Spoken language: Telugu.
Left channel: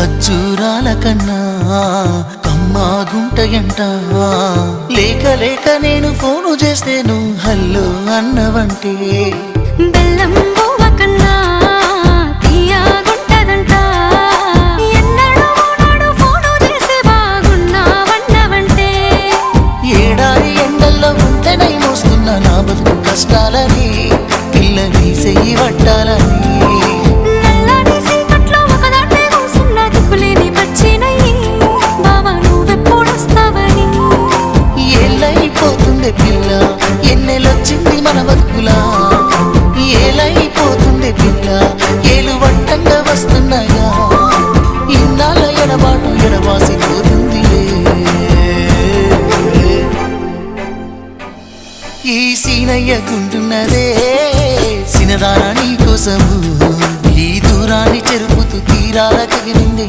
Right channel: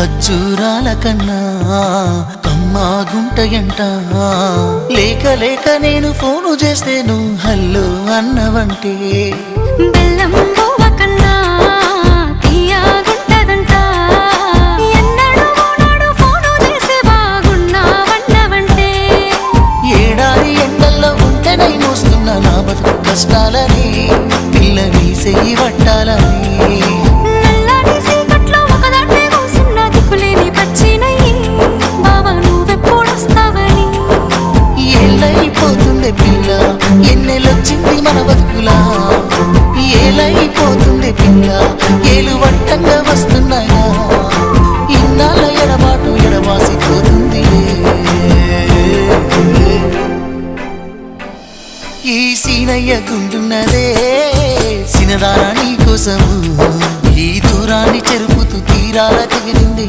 ఖర్జూరాల కన్నా కమ్మాగుంటయంట. లేక లేక నేను ఫోను చేస్తే నువ్వు హల్లో అన్నవంటే బెల్లం బువ్వ కన్నా తీయగుంటదంట. ఎన్నడూ నాడు ఫోను చేసి బాగున్నావన్నవంటే ఏడాది ఎండల్లో ఉంటేనై మోస్తున్నా నా బతుకు కష్టాలని పిల్లని సెయ్యి పట్టాలని. నల్లని సీకట్లో ఒకదాన్నే కూసున్న దిక్కులేని పచ్చినయ్యి బావా నువ్వెప్పుడొస్తావని. ఏళ్ళైపోతుంది పిల్ల ఎన్నెలొచ్చింది మన బతుకులా. ఏలైపోతుంది పిల్ల ఏలు వట్టంగా వస్తున్నాయా. ఇన్నాళ్ళ ఎడబాటు ఎడవాసిపోతుందిలే. ఈ సీనయ్య గుంటున్నదే సినదారా నీ కోసము. ఈ దూరాన్ని చెరుపుతూ తీరాల తెగిరింది